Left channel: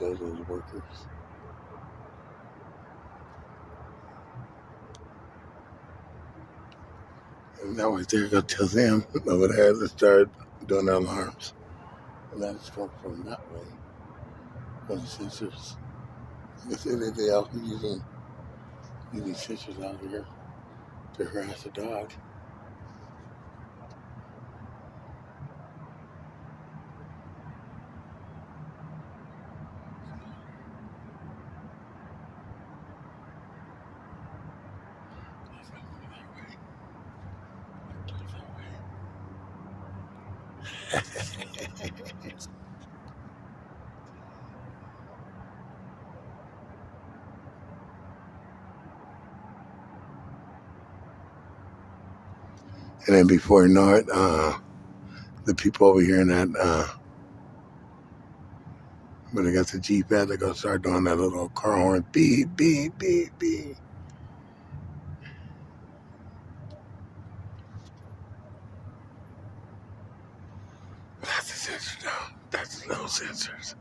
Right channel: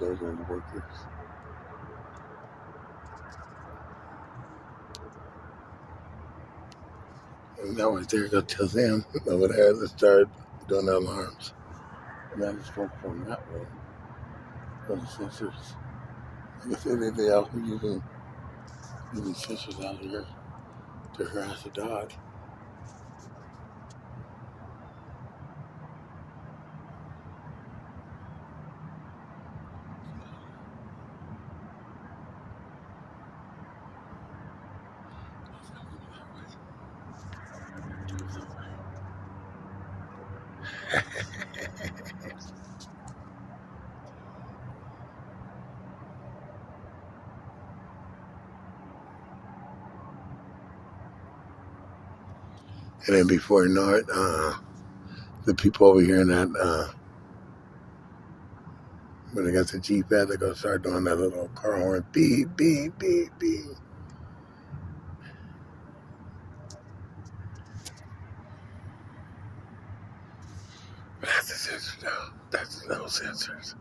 Those are the workers. And that right there, go tell them over there to start doing the alarms. And that is from that way, from the sensors. Like I said, they also using sensors out here to harass a dog. And then before you know it, the people over here in that, when they got the Jeep at, they're going to start doing that little car horn, beep, beep, beep, beep. That's the sensor now. That's the little sensors.